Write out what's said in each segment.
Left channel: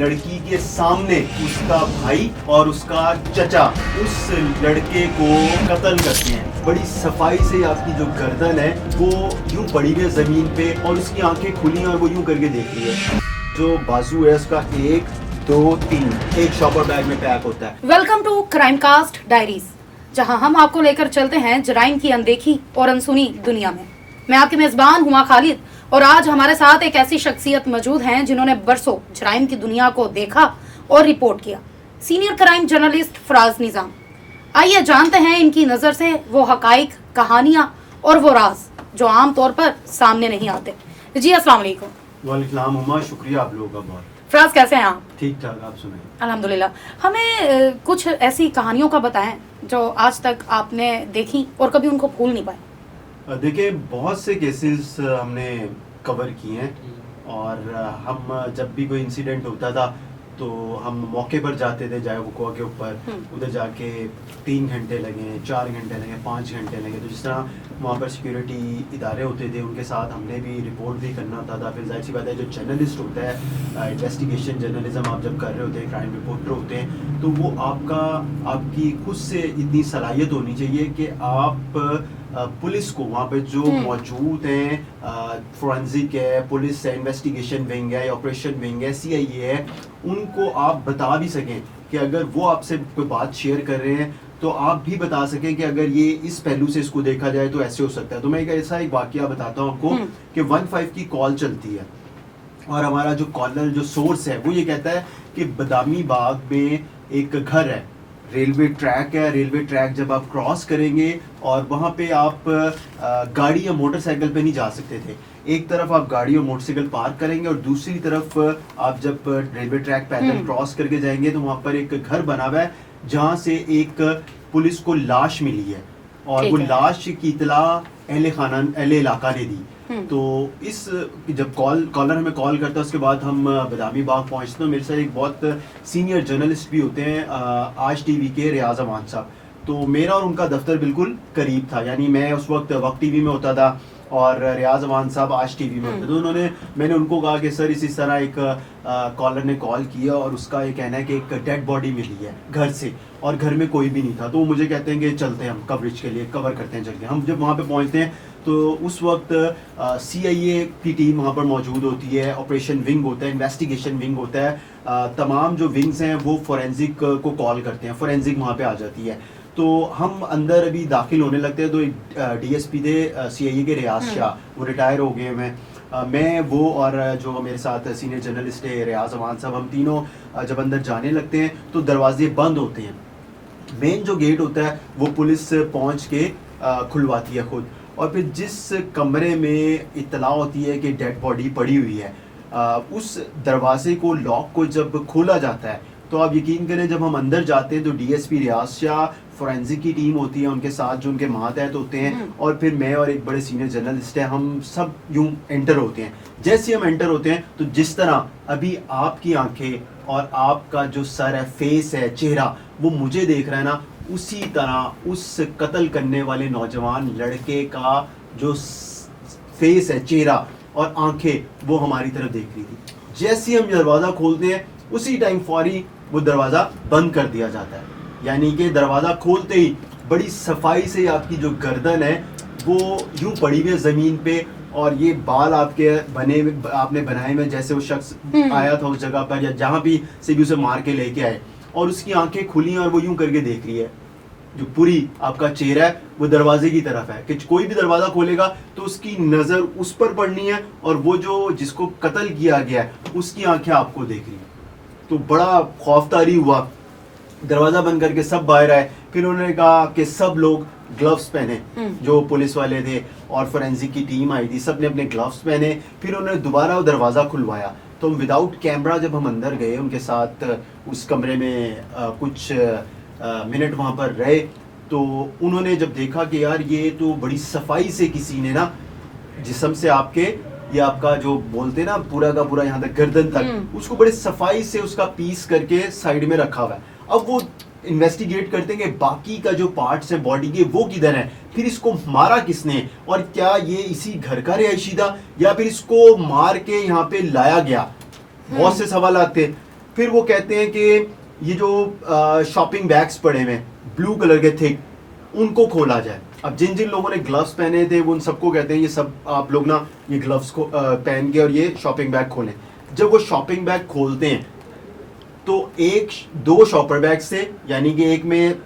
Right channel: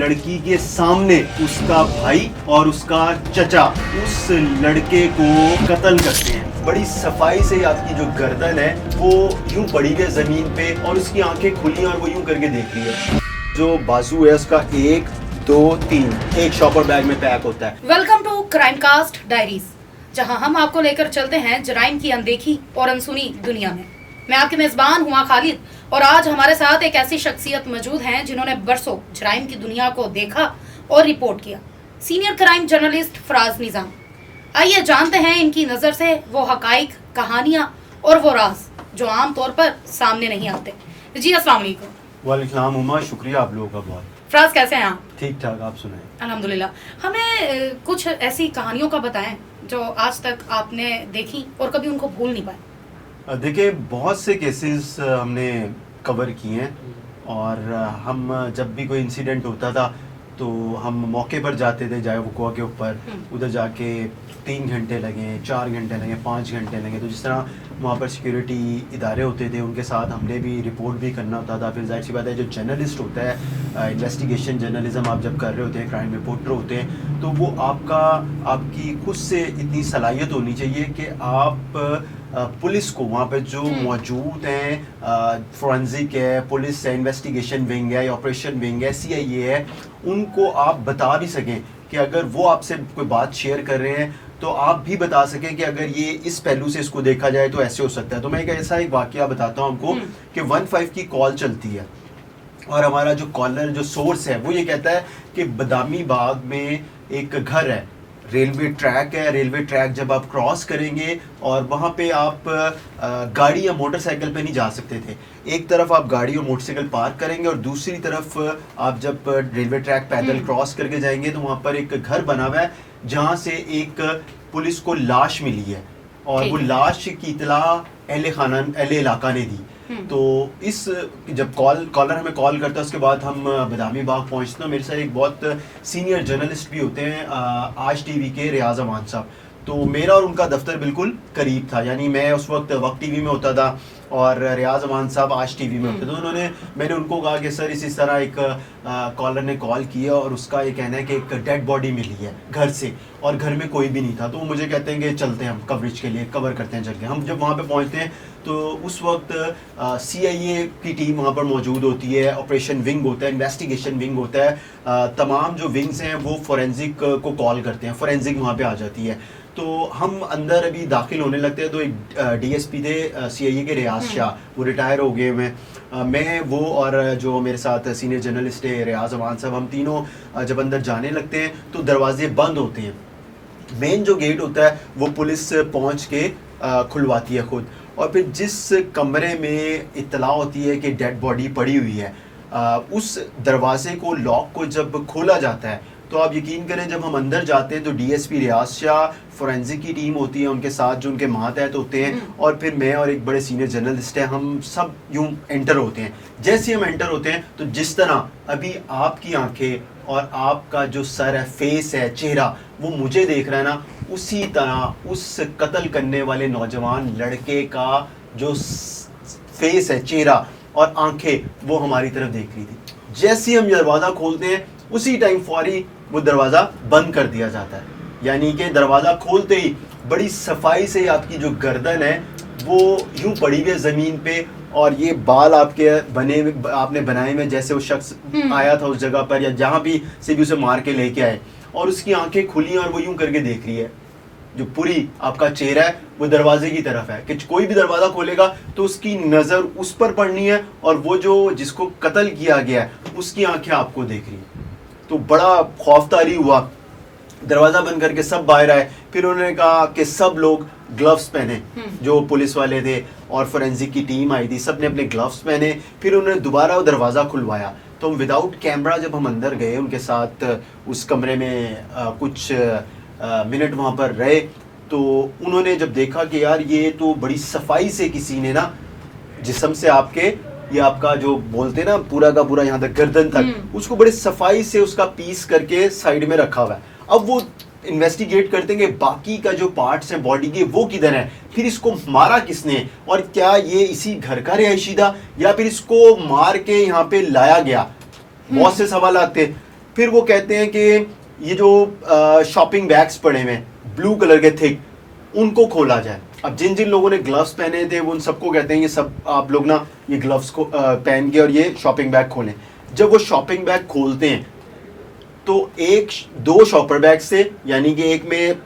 लड़की के सामने उसका भाई और उसका चचा उस लड़के को कत्ल करते हैं। बड़ी सफाई से आपकी जो गर्दन है वो यूं पड़ी है जमीन पे और उसकी आंखें खुली और वो यूं करके देख रही है। जो बाजू है उसका 1 2 3 एक शॉपर बैग में पैक होता है। Welcome to crime cast diaries, जहां हम आपको लेकर चलते हैं जराइम की अनदेखी और अनसुनी दुनिया में। मैं आपकी मेजबान हुमा खालिद और आज हमारे साथ एक ऐसी शख्सियत मौजूद हैं जिन्होंने बरसों जराइम की दुनिया को देखा और रिपोर्ट किया। सीनियर क्राइम जर्नलिस्ट फराज निजाम। आइए जानते हैं इनकी नज़र से वो हकाइक, कहानियां और वो राज जो आम तौर पर सामने नहीं आते। जी अस्सलाम वालेकुम। वालेकुम उमा, शुक्रिया आप लोगों का बहुत। फराज कैसे हैं आप? ठीक ठाक, आप सुनाएं। अल्हम्दुलिल्लाह। हमें कुछ ऐसी कहानियों का बताएं जो आज तक आपने देखी और कभी उनको भूल नहीं पाए। देखिए, बहुत से केसेस हमने कवर किए हैं और हम जब भी कोई इंसिडेंट होता था तो हम मौके पर जाते थे, जाए वुकवा के ऊपर, उधर जाके 3 घंटे लगे, 4 घंटे लगे, 5 घंटे लगे। तो जिस तरह वहाँ पर सिक्योरिटी इदारे होते थे उनके साथ हमने भी रिपोर्ट भी करना होता था। फिर जाहिर सी बात है, जो जर्नलिस्ट होता है, इन्वेस्टिगेशन जर्नलिज्म आप जब कर रहे होते हैं, क्राइम रिपोर्टर होते हैं, तो वो आपकी खुद से इतनी सलाहियत होनी चाहिए कि आप पुलिस को वहाँ पे जो मौजूद हैं, फोरेंसिक है, पुलिस है, इन्वेस्टिगेशन विंग है, ऑपरेशन विंग है, सीआईए है, उनको आप बता भी सकें कि अगर वो आपसे कोई बात शेयर कर रहे हैं तो आप भी बता सकें कि अगर ये इस पहलू से इसको देखा जाए तो ऐसे हो सकता है। तो मैं एक वाकया बताता हूँ आपको कि 15 की कॉल चलती है और हमारा जो कॉलर, जो सोर्स है, वो ये कहता है कि बदामी बाग में एक घर है, रेलवे ट्रैक है, रेलवे ट्रैक जब आप क्रॉस करेंगे और वहाँ पे आप गाड़ी या मोटरसाइकिल पे नहीं जा सकते थे। एक तरफ आप गाड़ी और मोटरसाइकिल पार्क करेंगे और दूसरी तरफ आप जब रेलवे ट्रैक पैदल क्रॉस करके जाएंगे तो वहाँ पर एक घर बना हुआ है जहाँ से एक पुलिस को लाश मिली है और वो लाश की इतला अहले इलाका ने दी। तो इस जब कॉलर हमें कॉल करता है उसके बाद हम बदामी बाग पहुंचते हैं। मेरे साथ एक बहुत सीनियर जर्नलिस्ट भी होते हैं, आज टीवी के रियाज अमान साहब। तो मेरा और उनका दफ्तर बिल्कुल करीब था, यानी मैं उस वक्त टीवी में होता था और रियाज अमान साहब आज टीवी में होते। तो मैंने उनको कहा कि सर इस तरह एक कॉलर ने कॉल किया और उसका ये कहना है कि एक डेड बॉडी मिली है घर से और घर में कोई भी नहीं था। तो वो मुझे कहते हैं कि चलते हैं हम कवरेज के लिए, कवर करते हैं जल्दी। हम जब वहाँ पे पहुँचते हैं तो उस वक्त सीआईए की टीम वहाँ पर मौजूद होती है, ऑपरेशन विंग होता है, इन्वेस्टिगेशन विंग होता है, तमाम जो विंग्स हैं वो फोरेंसिक को कॉल करते हैं, फोरेंसिक वहाँ पे आ जाती है। तो हम अंदर अभी दाखिल होने लगते हैं तो एक डीएसपी थे सीआईए के, रियाज शाह, वो रिटायर हो गए मैं वो और जो मेरे साथ सीनियर जर्नलिस्ट है रियाज अमान साहब, हम तीनों जब अंदर जाने लगते हैं तो दरवाजे बंद होते हैं। मेन जो गेट होता है वो पुलिस पहुंच के खुलवाती है खुद, और फिर जिस कमरे में इत्तला होती है कि डेड बॉडी पड़ी हुई है, उस दरवाजे को, लॉक को जब खोला जाता है तो आप यकीन करें जब हम अंदर जाते हैं तो डीएसपी रियाज शाह, फोरेंसिक की टीम होती है, उनके साथ जो उनके मातहत होते हैं और फिर मैं और एक बड़े सीनियर जर्नलिस्ट है, हम सब यूं एंटर होते हैं। जैसे हम एंटर होते हैं तो जिस तरह अभी आपकी आंखें और आपका जो सर है, फेस है, चेहरा, वो मुझे देख रहा है ना, उसी तरह उस कत्ल करने वाले नौजवान लड़के का जो फेस है, चेहरा और आंखें, वो हमारी तरफ देख रही थी। जैसे हम दरवाज़ा खोलते हैं उसी टाइम फौरी वो दरवाज़ा बंद कर दिया जाता है, यानी कि दरवाज़ा खोलते ही बड़ी सफाई से आपकी जो गर्दन है वो यूं पड़ी हुई है ज़मीन पे और ये बाल आपने बनाए में जैसे वो शख्स आया था उस जगह पर या जहाँ भी से भी उसे मार के लेके आए, और उसकी आंखें खुली और वो यूं करके देख रही है। जो पूरी आपका चेहरा है वो दरवाजे की तरफ है कि कोई भी दरवाज़ा खोलेगा तो उसकी नज़र उस पर पड़नी है और वो जो जिसको कत्ल किया गया है उसकी आंखें आपको देख रही है। तो बड़ा खौफतारी हुआ, दरवाज़ा बंद करके सब बाहर आए। फिर उन्होंने कहा कि सब लोग ग्लव्स पहने, जो पुलिस वाले थे और फोरेंसिक की टीम आई थी, सब ने अपने ग्लव्स पहने। फिर उन्होंने दोबारा वो दरवाज़ा खुलवाया। तो विदाउट कैमरा जब हम अंदर गए उनके साथ उस कमरे में कुछ मिनट वहाँ पर रहे, तो उन्होंने जब देखा कि यार ये तो बड़ी सफाई से किसी ने ना जिस्म से आपके, ये आपका जो बोलते ना पूरा का पूरा यहाँ तक गर्दन तक, उसको बड़े सफाई से उसका पीस करके साइड में रखा हुआ है। अब वो इन्वेस्टिगेट करते हैं कि बाकी का जो पार्ट्स हैं बॉडी के वो किधर है, फिर इसको मारा किसने और क्या ये इसी घर का रिहायशी था या फिर इसको मार के यहाँ पे लाया गया। बहुत से सवाल आते। फिर वो कहते हैं कि ये जो शॉपिंग बैग्स पड़े हुए ब्लू कलर के थिक, उनको खोला जाए। अब जिन जिन लोगों ने ग्लव्स पहने थे वो उन सबको कहते हैं ये सब आप लोग ना ये ग्लव्स को पहन के और ये शॉपिंग बैग खोलें। जब वो शॉपिंग बैग खोलते हैं तो एक दो शॉपर बैग से, यानी कि एक में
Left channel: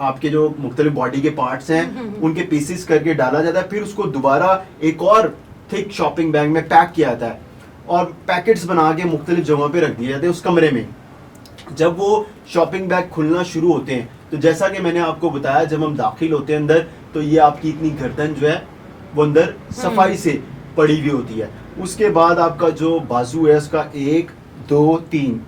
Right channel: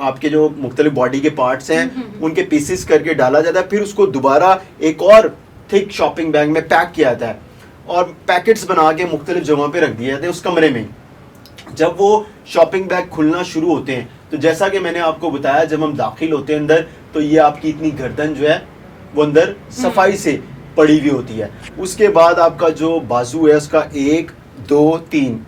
आपके जो मुख्तलिफ बॉडी के पार्ट्स हैं उनके पीसेस करके डाला जाता है, फिर उसको दोबारा एक और थिक शॉपिंग बैग में पैक किया जाता है और पैकेट्स बना के मुख्तलिफ जगहों पे रख दिए जाते हैं उस कमरे में। जब वो शॉपिंग बैग खुलना शुरू होते हैं तो जैसा कि मैंने आपको बताया, जब हम दाखिल होते हैं अंदर तो ये आपकी इतनी गर्दन जो है वो अंदर सफाई से पड़ी हुई होती है। उसके बाद आपका जो बाजू है उसका 1 2 3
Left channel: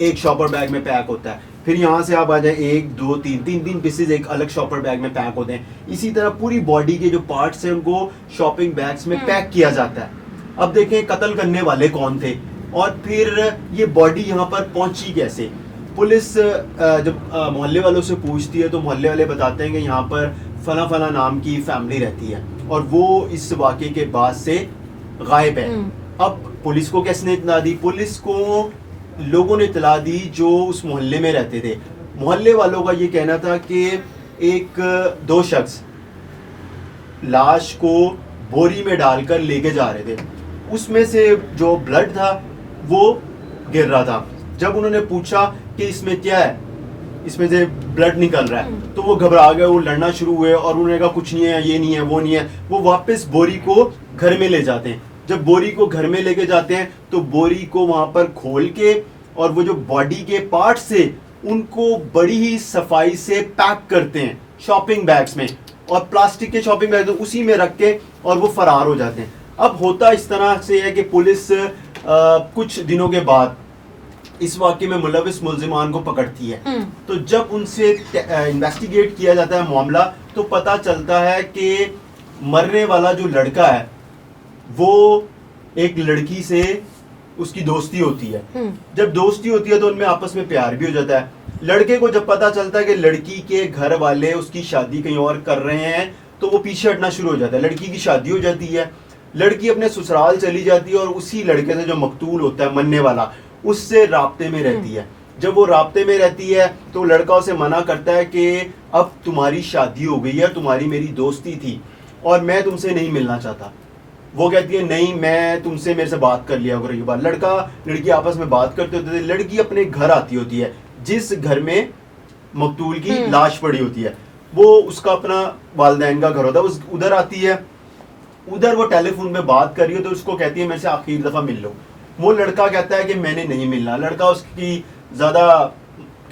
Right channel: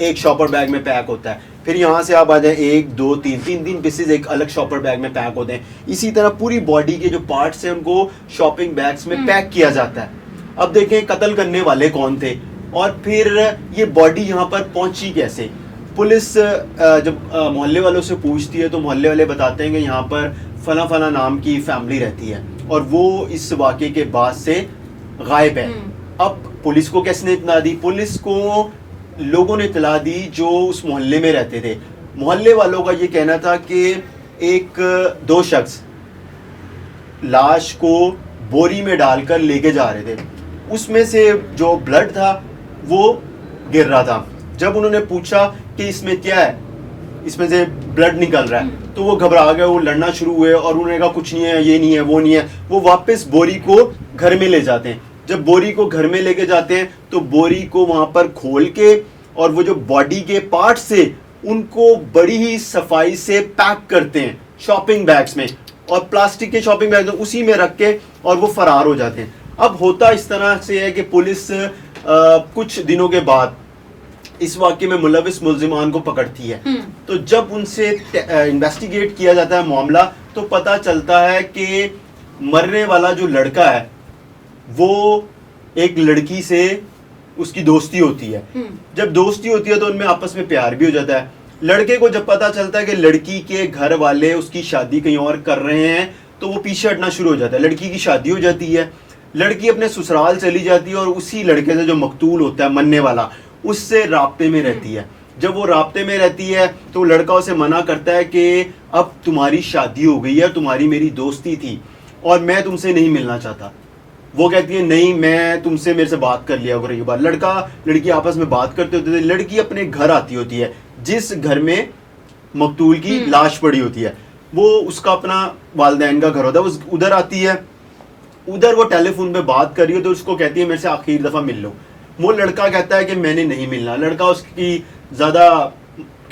एक शॉपर बैग में पैक होता है। फिर यहाँ से आप आ जाए 1 2 3 तीन पीसेज एक अलग शॉपर बैग में पैक होते हैं। इसी तरह पूरी बॉडी के जो पार्ट्स हैं उनको शॉपिंग बैग्स में पैक किया जाता है। अब देखें कत्ल करने वाले कौन थे और फिर ये बॉडी यहाँ पर पहुंची कैसे। पुलिस जब मोहल्ले वालों से पूछती है तो मोहल्ले वाले बताते हैं कि यहाँ पर फला फला नाम की फैमिली रहती है और वो इस वाक़े के बाद से गायब है। अब पुलिस को किसने इत्तला दी? पुलिस को लोगों ने इत्तला दी जो उस मोहल्ले में रहते थे। मोहल्ले वालों का ये कहना था कि एक दो शख्स लाश को बोरी में डालकर लेके जा रहे थे, उसमें से जो ब्लड था वो गिर रहा था। जब उन्होंने पूछा कि इसमें क्या है, इसमें से ब्लड निकल रहा है, तो वो घबरा गए, वो लड़ना शुरू हुए और उन्होंने कहा कुछ नहीं है, ये नहीं है, वो नहीं है। वो वापस बोरी को घर में ले जाते हैं। जब बोरी को घर में लेके जाते हैं तो बोरी को वहां पर खोल के और वो जो बॉडी के पार्ट से उनको बड़ी ही सफाई से पैक करते हैं शॉपिंग बैग्स में और प्लास्टिक के शॉपिंग बैग उसी में रख के और वो फरार हो जाते हैं। अब होता इस तरह से है कि पुलिस कुछ दिनों के बाद इस वाक़े में मुलविस मुल्जिमान को पकड़ती है। तो जब उनसे इन्वेस्टिगेट किया जाता है मामला तो पता चलता है कि मरने वाला जो लड़का है वो एक लड़की से उसकी दोस्ती होती है। जब दोस्ती होती है तो उनमें आपस में प्यार भी हो जाता है। लड़के को जब पता चलता है कि लड़की के घर वाले उसकी शादी कहीं और कर रहे हैं तो वो पीछे हटना शुरू हो जाता है। लड़की की शादी हो जाती है, लड़की अपने ससुराल चली जाती है और उसी लड़के से जो मकतूल होता है मरने वाला उससे राब्ते में रहती है। जब वो राब्ते में रहती है तो लड़का उसे मना करता है कि अब तुम्हारी शादी हो गई है, तुम्हारी मेरी दोस्ती थी और मैं तुमसे नहीं मिलना चाहता। वो कहती है नहीं, मैं तुमसे मेरे से बात कर लिया करो। ये बात लड़का लड़की आपस में बात करते होते थे। लड़की अपने घर आती होती है जिस घर में मकतूल की लाश पड़ी होती है, वो उसका अपना वालिदैन का घर होता है, उस उधर आती है। उधर वो टेलीफोन पे बात कर रही है तो उसको कहती है मेरे से आखिरी दफा मिल लो। वो लड़का कहता है कि मैंने नहीं मिलना। लड़का उसकी ज्यादा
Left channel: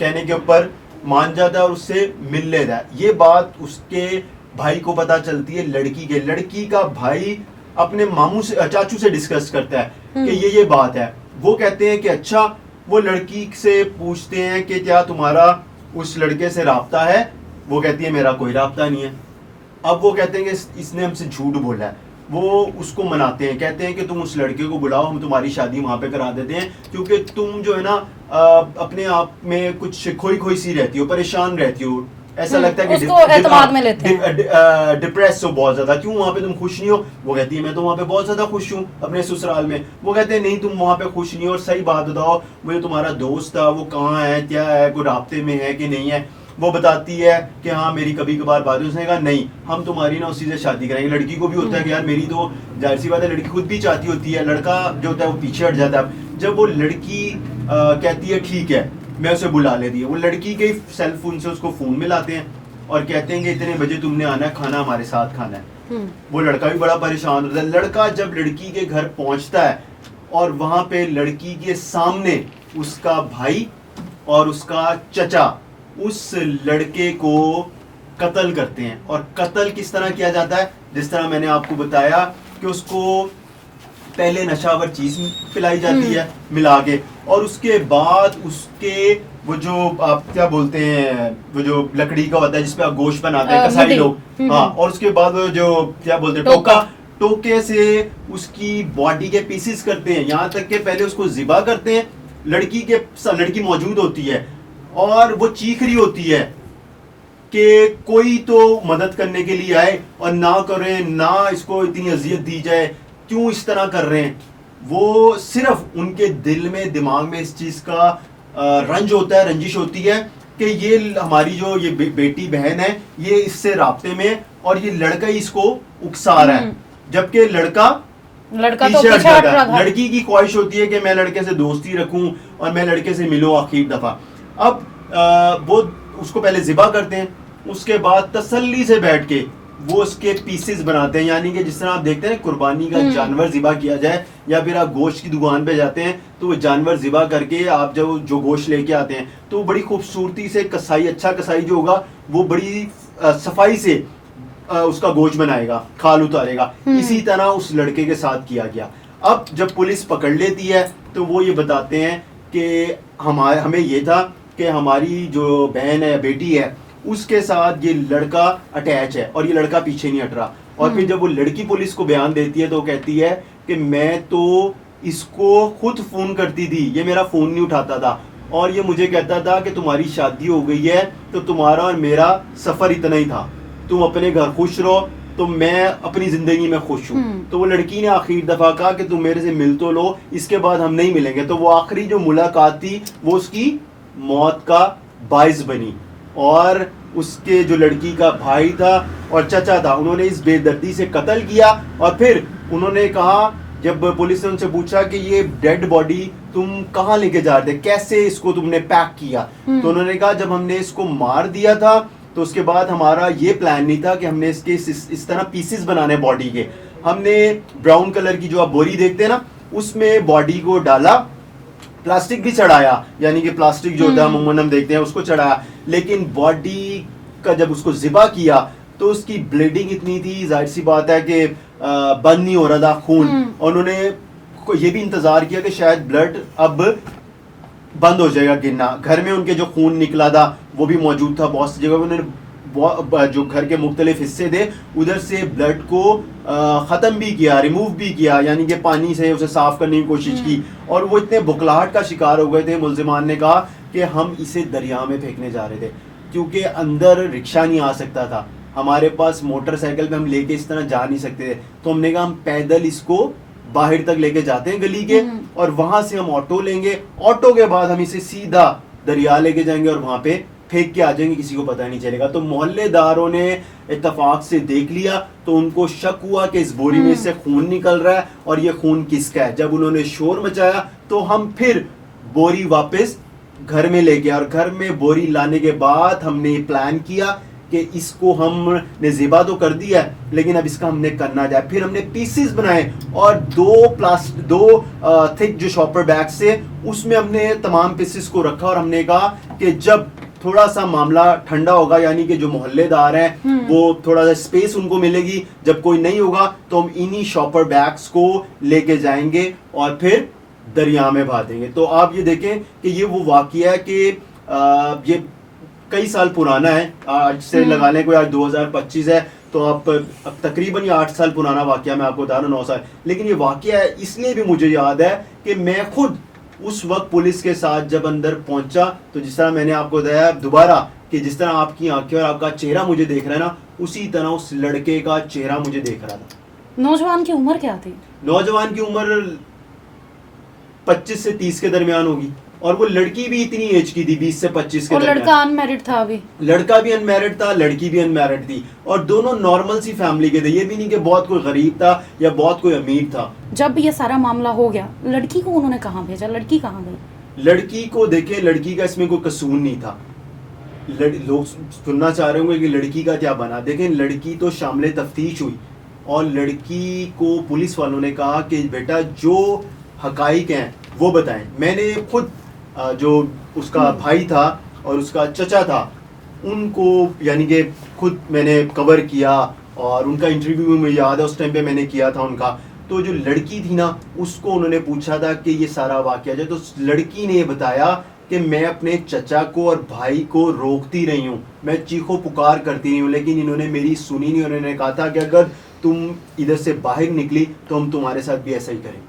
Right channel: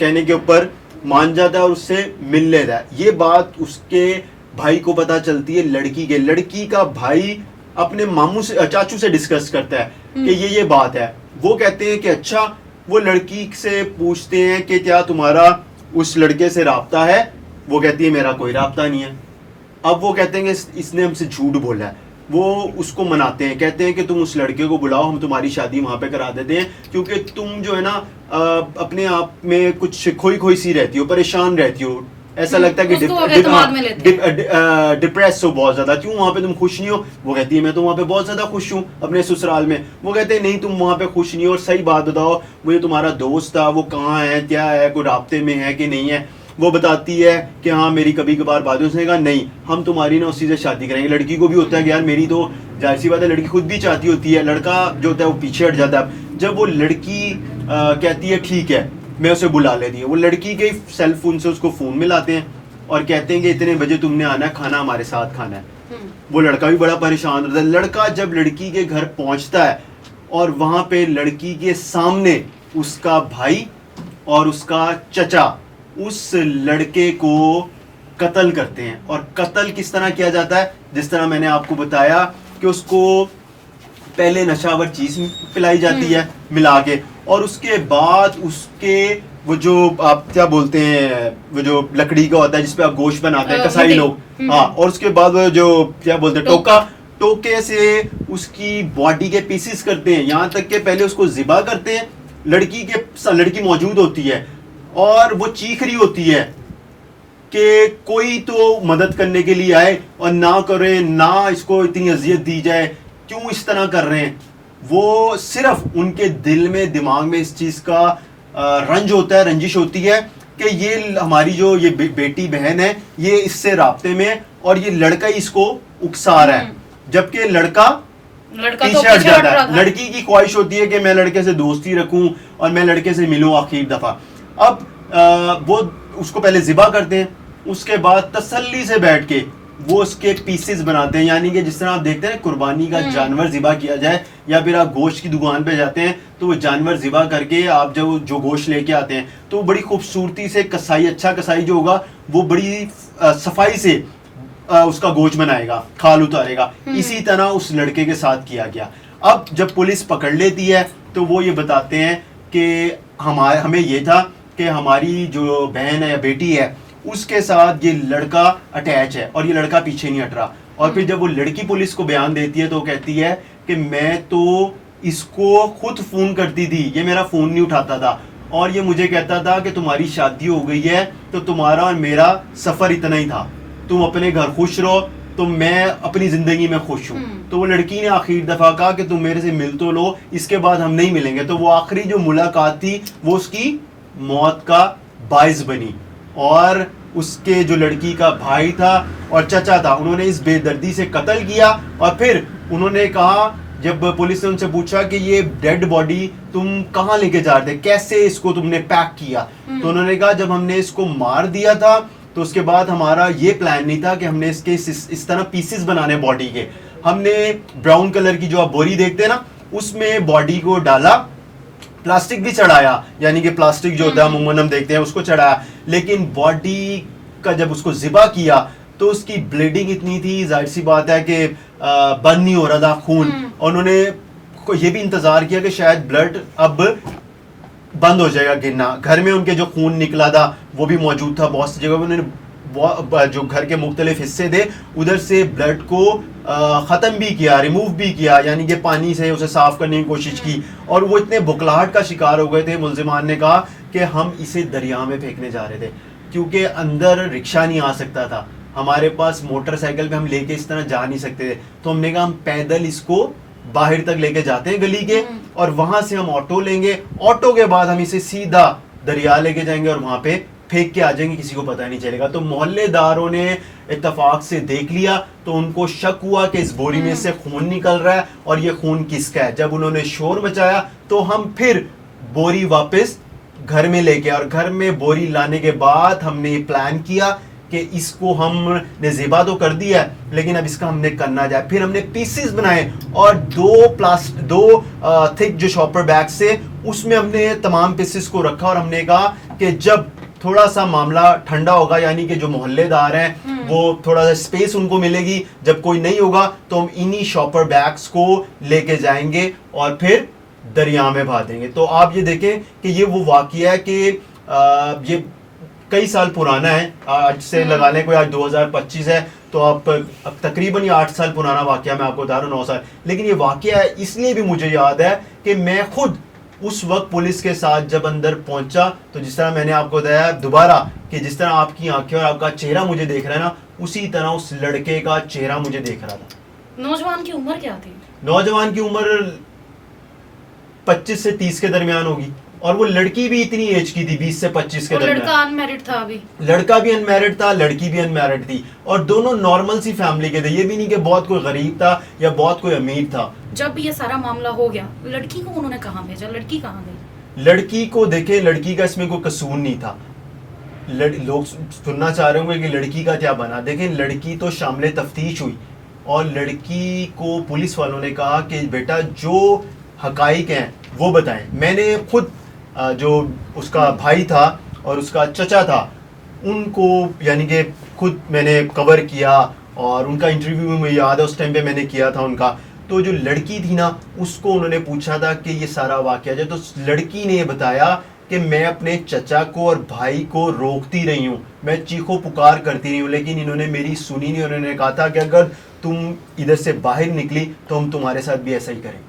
कहने के ऊपर मान जाता है और उससे मिल लेता है। ये बात उसके भाई को पता चलती है। लड़की का भाई अपने मामू से चाचू से डिस्कस करता है कि ये बात है। वो कहते हैं कि अच्छा। वो लड़की से पूछते हैं कि क्या तुम्हारा उस लड़के से राब्ता है? वो कहती है मेरा कोई राब्ता नहीं है। अब वो कहते हैं कि इसने हमसे झूठ बोला है। वो उसको मनाते हैं, कहते हैं कि तुम उस लड़के को बुलाओ, हम तुम्हारी शादी वहां पे करा देते हैं, क्योंकि तुम जो है ना अपने आप में कुछ खोई सी रहती हो, परेशान रहती हो, ऐसा लगता है कि डिप्रेस हो बहुत ज्यादा। क्यों वहां पे तुम खुश नहीं हो? वो कहती है मैं तो वहां पे बहुत ज्यादा खुश हूँ अपने ससुराल में। वो कहते हैं नहीं, तुम वहां पे खुश नहीं हो। और सही बात बताओ, वो जो तुम्हारा दोस्त था वो कहाँ है, क्या है, कोई राब्ते में है कि नहीं है? वो बताती है कि हाँ मेरी कभी कभार बात है। उसने कहा नहीं, हम तुम्हारी ना उसी से शादी करेंगे। लड़की को भी होता है कि यार मेरी तो जाहिर सी बात है, लड़की खुद भी चाहती होती है। लड़का जो होता है वो पीछे हट जाता है। जब वो लड़की कहती है ठीक है, मैं उसे बुला लेती है। वो लड़की के सेल फोन से उसको फोन मिलाते हैं और कहते हैं कि इतने बजे तुमने आना है, खाना हमारे साथ खाना है। वो लड़का भी बड़ा परेशान होता है। लड़का जब लड़की के घर पहुंचता है और वहां पे लड़की के सामने उसका भाई और उसका चचा उस लड़के को कत्ल करते हैं। और कत्ल किस तरह किया जाता है? जिस तरह मैंने आपको बताया कि उसको पहले नशावर चीज पिलाई जाती है मिला के, और उसके बाद उसके वो जो आप क्या बोलते हैं, वो जो लकड़ी का होता है जिसपे आप गोश्त बनाते हैं कसाई लोग, हाँ, और उसके बाद वो जो क्या बोलते हैं टोके से उसकी बॉडी के पीसेस करते हैं। यहाँ तक के पहले उसको ज़िबा करते हैं। लड़की मौजूद होती है और वो चीख रही होती है कि कोई तो मदद करने के लिए आए और ना करे, ना इसको इतनी अजियत दी जाए, क्यों इस तरह कर रहे हैं। वो सिर्फ उनके दिल में दिमाग में इस चीज का रंज होता है, रंजिश होती है कि ये हमारी जो ये बेटी बहन है ये इससे राब्ते में है और ये लड़का ही इसको उकसा रहा है, जबकि लड़का तो पीछे हट पीछे हट जाता रहा है। था। लड़की की ख्वाहिश होती है कि मैं लड़के से दोस्ती रखूं और मैं लड़के से मिलूं आखिरी दफा। अब वो उसको पहले जिबा करते हैं, उसके बाद तसल्ली से बैठ के वो उसके पीसेस बनाते हैं, यानी कि जिस तरह आप देखते हैं कुर्बानी का जानवर जिबा किया जाए या फिर आप गोश्त की दुकान पे जाते हैं तो वो जानवर जिबा करके आप जब जो गोश्त लेके आते हैं तो वो बड़ी खूबसूरती से कसाई, अच्छा कसाई जो होगा वो बड़ी सफाई से उसका गोश्त बनाएगा, खाल उतारेगा। इसी तरह उस लड़के के साथ किया गया। अब जब पुलिस पकड़ लेती है तो वो ये बताते हैं कि हमें ये था कि हमारी जो बहन है या बेटी है उसके साथ ये लड़का अटैच है और ये लड़का पीछे नहीं हट रहा। और फिर जब वो लड़की पुलिस को बयान देती है तो वो कहती है कि मैं तो इसको खुद फोन करती थी, ये मेरा फोन नहीं उठाता था और ये मुझे कहता था कि तुम्हारी शादी हो गई है तो तुम्हारा और मेरा सफर इतना ही था, तुम अपने घर खुश रहो तो मैं अपनी जिंदगी में खुश हूँ। तो वो लड़की ने आखिरी दफा कहा कि तुम मेरे से मिल तो लो, इसके बाद हम नहीं मिलेंगे। तो वो आखिरी जो मुलाकात थी वो उसकी मौत का बाइस बनी। और उसके जो लड़की का भाई था और चचा था उन्होंने इस बेदर्दी से कत्ल किया। और फिर उन्होंने कहा, जब पुलिस ने उनसे पूछा कि ये डेड बॉडी तुम कहाँ लेके जा रहे थे, कैसे इसको तुमने पैक किया, तो उन्होंने कहा जब हमने इसको मार दिया था तो उसके बाद हमारा ये प्लान नहीं था कि हमने इसके इस तरह पीसेस बनाने बॉडी के। हमने ब्राउन कलर की जो आप बोरी देखते हैं ना उसमें बॉडी को डाला, प्लास्टिक भी चढ़ाया, यानी कि प्लास्टिक जो होता है अमूमन हम देखते हैं उसको चढ़ाया, लेकिन बॉडी का जब उसको जिबा किया तो उसकी ब्लीडिंग इतनी थी, जाहिर सी बात है कि बंद नहीं हो रहा था खून। और उन्होंने ये भी इंतजार किया कि शायद ब्लड अब बंद हो जाएगा गिरना। घर में उनके जो खून निकला था वो भी मौजूद था, बहुत सी जगह उन्होंने जो घर के मुख्तलिफ हिस्से थे उधर से ब्लड को ख़त्म भी किया, रिमूव भी किया, यानी कि पानी से उसे साफ करने की कोशिश की। और वो इतने बुखलाहट का शिकार हो गए थे, मुल्जिमान ने कहा कि हम इसे दरिया में फेंकने जा रहे थे क्योंकि अंदर रिक्शा नहीं आ सकता था, हमारे पास मोटरसाइकिल पे हम लेके इस तरह जा नहीं सकते थे। तो हमने कहा हम पैदल इसको बाहर तक लेके जाते हैं गली के और वहां से हम ऑटो लेंगे, ऑटो के बाद हम इसे सीधा दरिया लेके जाएंगे और वहां पे फेंक के आ जाएंगे, किसी को पता नहीं चलेगा। तो मोहल्लेदारों ने इत्तेफाक से देख लिया तो उनको शक हुआ कि इस बोरी में से खून निकल रहा है और ये खून किसका है। जब उन्होंने शोर मचाया तो हम फिर बोरी वापस घर में ले गए और घर में बोरी लाने के बाद हमने ये प्लान किया कि इसको हमने ज़िबा तो कर दिया है लेकिन अब इसका हमने करना जाए। फिर हमने पीसेस बनाए और दो थिक जो शॉपर बैग से उसमें हमने तमाम पीसेस को रखा और हमने कहा कि जब थोड़ा सा मामला ठंडा होगा, यानी कि जो मोहल्लेदार हैं वो थोड़ा सा स्पेस उनको मिलेगी, जब कोई नहीं होगा तो हम इन्हीं शॉपर बैग्स को लेके जाएंगे और फिर दरिया में बहा देंगे। तो आप ये देखें कि ये वो वाकया है कि ये कई साल पुराना है, आज से लगा लें कोई आज 2025 है तो आप अब तकरीबन ये 8 साल पुराना वाकया, मैं आपको बता रहा हूँ 9 साल। लेकिन ये वाकया है इसलिए भी मुझे याद है कि मैं खुद उस वक्त पुलिस के साथ जब अंदर पहुंचा तो जिस तरह मैंने आपको बताया दोबारा कि जिस तरह आपकी आंखें और आपका चेहरा मुझे देख रहा है ना, उसी तरह उस लड़के का चेहरा मुझे देख रहा था। नौजवान की उम्र क्या थी? नौजवान की उम्र 25 से 30 के दरमियान होगी और वो लड़की भी इतनी एज की थी, 20 से 25 के दरमियान। लड़का अनमैरिड था अभी? लड़का भी अनमैरिड था, लड़की भी अनमैरिड थी और दोनों नॉर्मल सी फैमिली के थे। ये भी नहीं कि बहुत कोई गरीब था या बहुत कोई अमीर था। जब ये सारा मामला हो गया लड़की को उन्होंने कहाँ भेजा? लड़की कहाँ गई? लड़की को देखे, लड़की का इसमें कोई कसूर नहीं था। लोग सुनना चाह रहे होंगे कि लड़की का क्या बना। देखें, लड़की तो शामिल तफ्तीश हुई और लड़की को पुलिस वालों ने कहा कि बेटा जो हकाइक हैं वो बताएं। मैंने खुद जो उसका भाई था और उसका चचा था उनको यानी कि खुद मैंने कवर किया और उनका इंटरव्यू में याद है उस टाइम पे मैंने किया था उनका। तो जो लड़की थी ना उसको उन्होंने पूछा था कि ये सारा वाकया जो, तो लड़की ने ये बताया कि मैं अपने चचा को और भाई को रोकती रही हूँ, मैं चीखो पुकार करती रही हूँ, लेकिन इन्होंने मेरी सुनी नहीं। उन्होंने कहा था कि अगर तुम इधर से बाहर निकली तो हम तुम्हारे साथ भी ऐसा ही करेंगे।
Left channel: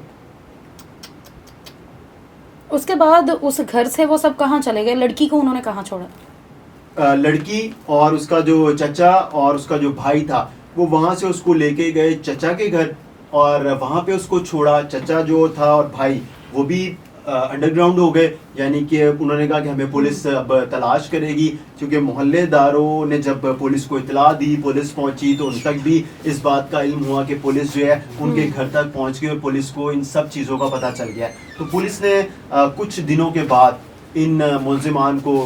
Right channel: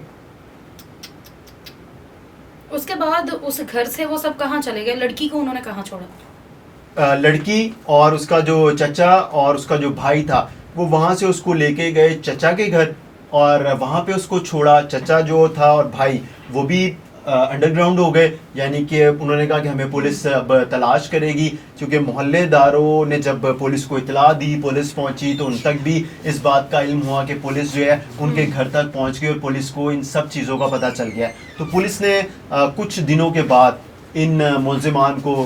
उसके बाद उस घर से वो सब कहाँ चले गए? लड़की को उन्होंने कहाँ छोड़ा? लड़की और उसका जो चचा और उसका जो भाई था वो वहां से उसको लेके गए चचा के घर और वहाँ पे उसको छोड़ा। चचा जो था और भाई वो भी अंडरग्राउंड हो गए, यानी कि उन्होंने कहा कि हमें पुलिस अब तलाश करेगी, क्योंकि मोहल्लेदारों ने जब पुलिस को इतला दी, पुलिस पहुंची, तो उन तक भी इस बात का इल्म हुआ कि पुलिस जो है उनके घर तक पहुंच गई और पुलिस को इन सब चीज़ों का पता चल गया। तो पुलिस ने कुछ दिनों के बाद इन मुलजिमान को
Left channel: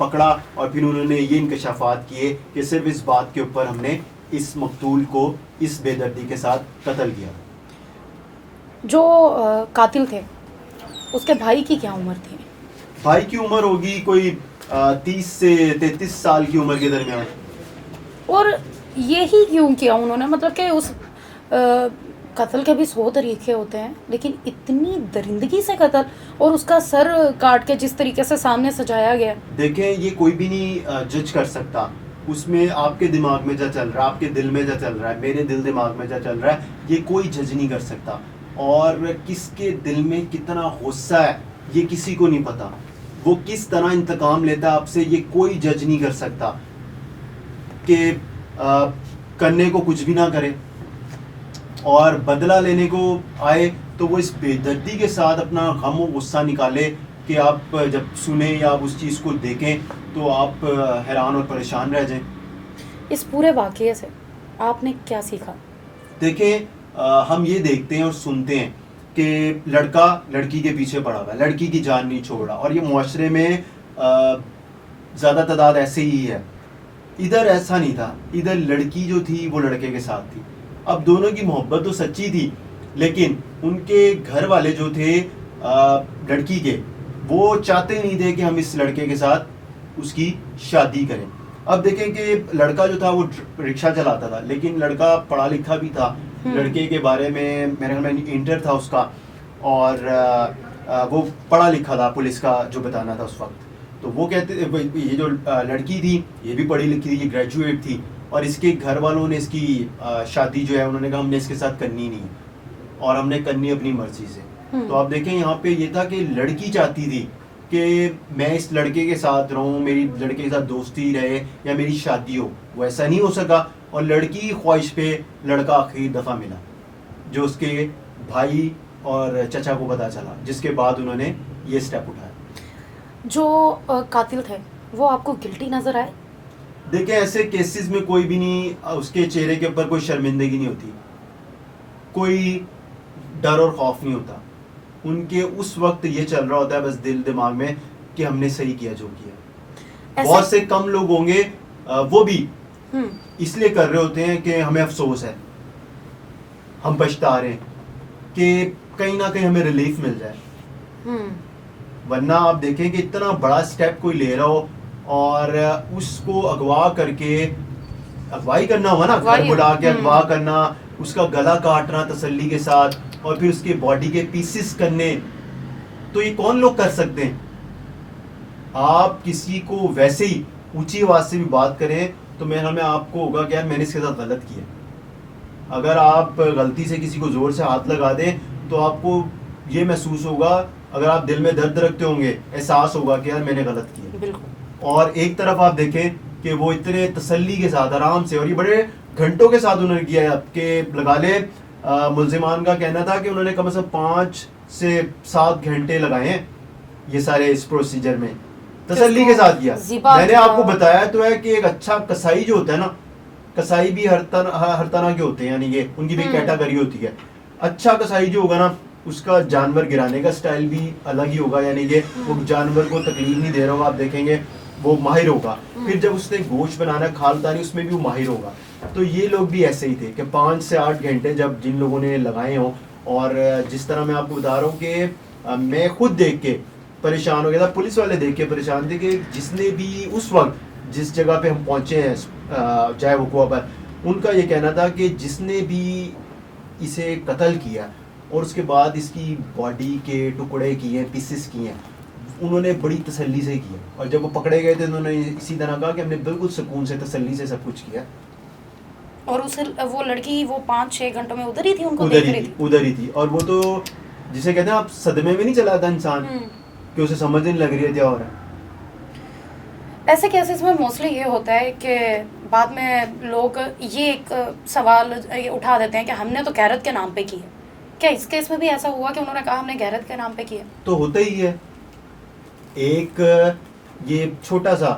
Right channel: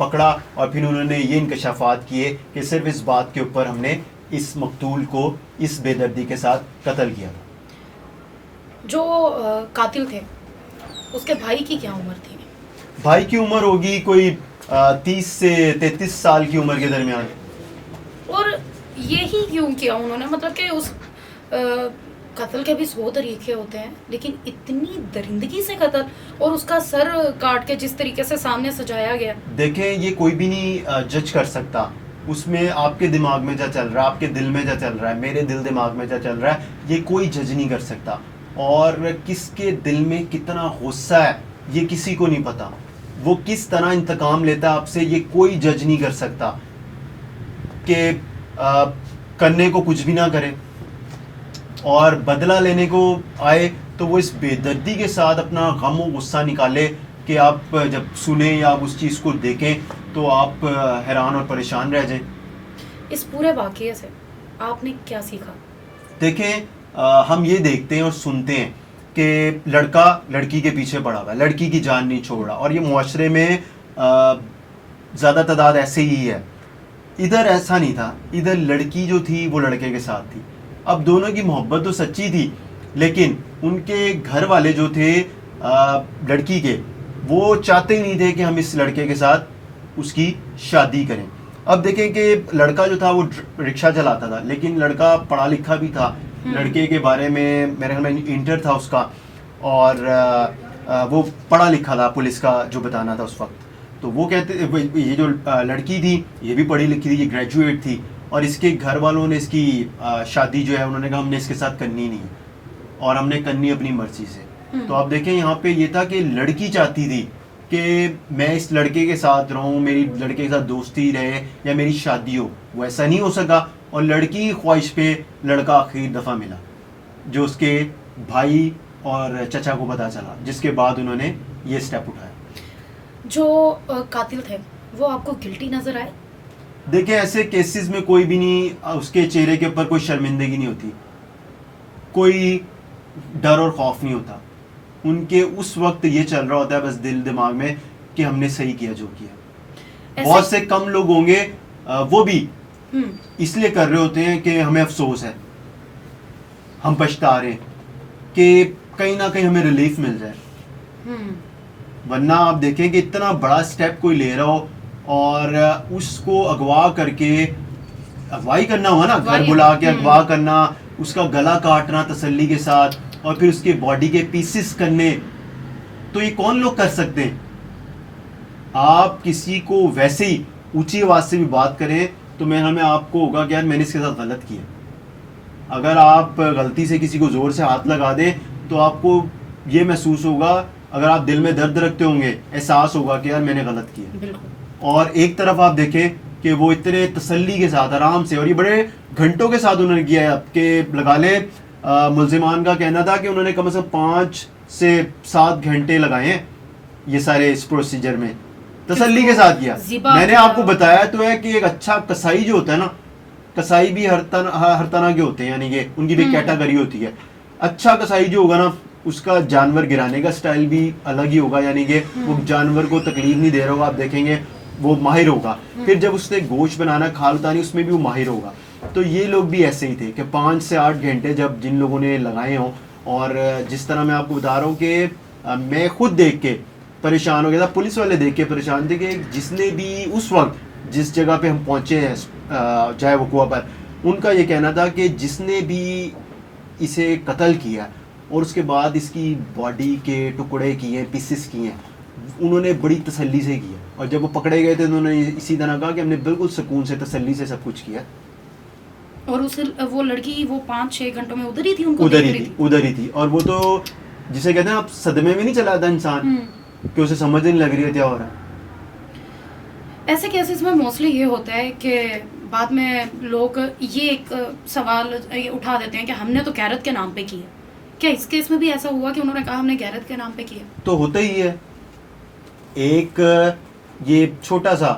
पकड़ा और फिर उन्होंने ये इंकशाफात किए कि सिर्फ इस बात के ऊपर हमने इस मकतूल को इस बेदर्दी के साथ कत्ल किया। जो कातिल थे उसके भाई की क्या उम्र थी? भाई की उम्र होगी कोई 30 से 33 साल की उम्र के दरमियान। और यही क्यों किया उन्होंने? मतलब कि उस कत्ल के भी 100 तरीके होते हैं, लेकिन इतनी दरिंदगी से कत्ल और उसका सर काट के जिस तरीके से सामने सजाया गया। देखें, ये कोई भी नहीं जज कर सकता। उसमें आपके दिमाग में क्या चल रहा है, आपके दिल में क्या चल रहा है, मेरे दिल दिमाग में क्या चल रहा है, ये कोई जज नहीं कर सकता। और किसके दिल में कितना गुस्सा है ये किसी को नहीं पता। वो किस तरह इंतकाम लेता है आपसे ये कोई जज नहीं कर सकता। कि करने को कुछ भी ना करे और बदला लेने को आए तो वो इस बेदर्दी के साथ अपना गम और गुस्सा निकाले कि आप जब सुने या आप उस चीज़ को देखें तो आप हैरान और परेशान रह जाएं। इस पूरे वाक़ये से आपने क्या सीखा? देखें, हम ये देखते हैं और सुनते हैं कि लड़का लड़की के पीछे पड़ा हुआ है, लड़की की जान नहीं छोड़ रहा, और ये मुआशरे में ज़्यादा तादाद ऐसे ही है। इधर ऐसा नहीं था, इधर लड़की जो थी वो लड़के के साथ थी। अब दोनों की मोहब्बत तो सच्ची थी, लेकिन उनके घर वाले जो थे लड़की के, वो चाहते नहीं थे कि हम इस लड़के के साथ उसकी शादी करें। अब देखें कि लड़का जो था वो रिक्शा चलाता था, लेकिन लड़का पढ़ा लिखा भी था। लड़के के बारे में मेरे ख्याल में इंटर था उसका, और वो पढ़ा लिखा था, पुलिस का जो बताना था उस वक्त। तो वो कहते ये जो लड़की थी ये भी पढ़ी लिखी थी, ये ग्रेजुएट थी, और इसके घर वालों ने इसकी शादी जो है उन्होंने कहा हमने इसके साथ करनी नहीं है और हमने करनी अपनी मर्जी से। तो आप देखें यहाँ पे ये था कि लड़की चाहती थी कि मैं इस लड़के के साथ रहूं, मेरी लड़के के साथ दोस्ती रहे या मेरी शादी हो। वो ऐसा नहीं हो सका और लड़की की ख्वाहिश पे लड़का आखिरी दफ़ा मिला, जो उसके भाई और चचा को पता चला, जिसके बाद उन्होंने ये स्टेप उठाया। जो कातिल थे वो आपको गिल्टी नजर आए? देखें, ऐसे केसेस में कोई भी नहीं, उसके चेहरे के ऊपर कोई शर्मिंदगी नहीं होती, कोई डर और खौफ नहीं होता। उनके उस वक्त ये चल रहा होता है बस दिल दिमाग में कि हमने सही किया जो किया। बहुत से कम लोग होंगे वो भी इसलिए कर रहे होते हैं कि हमें अफसोस है, हम पछता रहे हैं, कि कहीं ना कहीं हमें रिलीफ मिल जाए। वरना आप देखें कि इतना बड़ा स्टेप कोई ले रहा हो और उसको अगवा करके, अगवाई करना हुआ ना, घर बुला के अगवा करना, उसका गला काटना तसल्ली के साथ और फिर उसके बॉडी के पीसेस करने, तो ये कौन लोग कर सकते हैं? आप किसी को वैसे ही ऊंची आवाज से भी बात करें तो मेरे में आपको होगा कि यार मैंने इसके साथ गलत किया। अगर आप गलती से किसी को जोर से हाथ लगा दें तो आपको ये महसूस होगा, अगर आप दिल में दर्द रखते होंगे, एहसास होगा कि यार मैंने गलत किया। और एक तरफ आप देखें कि वो इतने तसल्ली के साथ आराम से, और ये बड़े घंटों के साथ उन्होंने किया है। आपके लगा ले मुलजिमान का कहना था कि उन्होंने कम से कम 5 से 7 घंटे लगाए हैं ये सारे इस प्रोसीजर में, तसल्ली के साथ किया। मैंने आपको बताया तो है कि एक अच्छा कसाई जो होता है ना, कसाई भी हर तरह के होते हैं, यानी कि उनकी भी कैटेगरी होती है। अच्छा कसाई जो होगा ना, उसका जानवर गिराने का स्टाइल भी अलग ही होगा, यानी कि वो जानवर को तकलीफ नहीं दे रहा होगा, आप देखेंगे वो माहिर होगा। फिर जब उसने गोश्त बनाना, खालदानी, उसमें भी वो माहिर होगा। तो ये लोग भी ऐसे ही थे कि 5 से 8 घंटे जब जिन लोगों ने लगाए हों, और जिस तरह मैं आपको बता रहा हूँ कि मैं खुद देख के परेशान हो गया था, पुलिस वाले देख के परेशान थे कि जिसने भी उस वक्त जिस जगह पे हम पहुँचे हैं चाहे वकुआ पर, उनका ये कहना था कि जिसने भी इसे कत्ल किया और उसके बाद इसकी बॉडी के टुकड़े किए, पीसेस किए, उन्होंने बड़ी तसल्ली से किया। और जब वो पकड़े गए थे तो उन्होंने इसी तरह कहा कि हमने बिल्कुल सुकून से, तसल्ली से सब कुछ किया। और उस वो लड़की वो 5-6 घंटों में उधर ही थी, उनको उधर ही थी। और वो तो जिसे कहते हैं आप सदमे में नहीं चला था इंसान कि उसे समझ नहीं लग रही है क्या हो रहा है। ऐसे केसेस में मोस्टली ये होता है कि बाद में लोग ये एक सवाल ये उठा देते हैं कि हमने तो गैरत के नाम पे की है। क्या इस केस में भी ऐसा हुआ कि उन्होंने कहा हमने गैरत के नाम पे किया? तो होता ही है। एक ये छोटा सा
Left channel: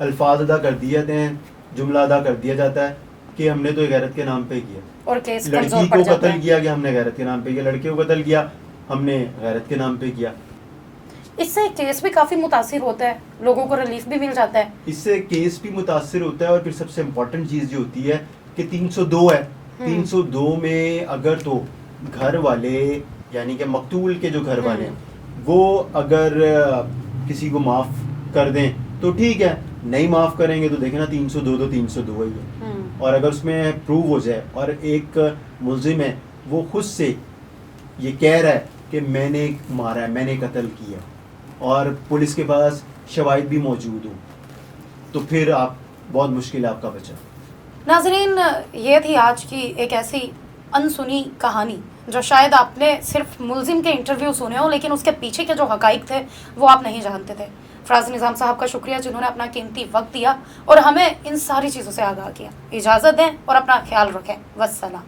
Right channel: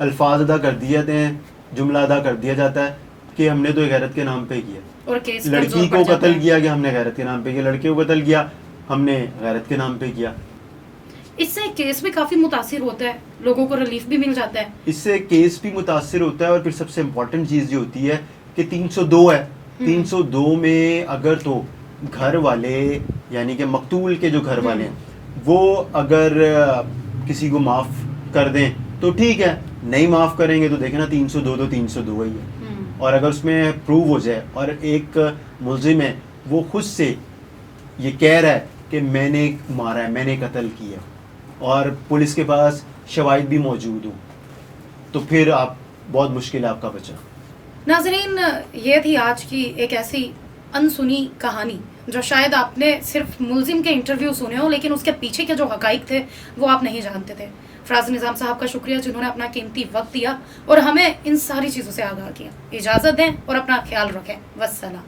अल्फाज अदा कर दिए जाते हैं, जुमला अदा कर दिया जाता है कि हमने तो गैरत के नाम पे किया, और केस लड़की कमजोर पड़ को जाता कत्ल है। किया कि हमने गैरत के नाम पे किया, लड़के को कत्ल किया हमने गैरत के नाम पे किया। इससे केस भी काफी मुतासिर होता है, लोगों को रिलीफ भी मिल जाता है। इससे केस भी मुतासिर होता है और फिर सबसे इम्पोर्टेंट चीज़ जो होती है कि 302 है, 302 में अगर तो घर वाले यानी कि मकतूल के जो घर वाले हैं वो अगर किसी को माफ़ कर दें तो ठीक है, नहीं माफ़ करेंगे तो देखना 302 तो 302 ही है। और अगर उसमें प्रूव हो जाए और एक मुलजिम है वो खुद से ये कह रहा है कि मैंने मारा है, मैंने कत्ल किया और पुलिस के पास शवाहिद भी मौजूद हो, तो फिर आप बहुत मुश्किल है आपका बचा। नाजरीन, ये थी आज की एक ऐसी अनसुनी कहानी जो शायद आपने सिर्फ मुलजिम के इंटरव्यू सुने हो, लेकिन उसके पीछे के जो हकाइक थे वो आप नहीं जानते थे। फराज निज़ाम साहब का शुक्रिया जिन्होंने अपना कीमती वक्त दिया और हमें इन सारी चीज़ों से आगाह किया। इजाज़त दें और अपना ख्याल रखें। वस्सलाम।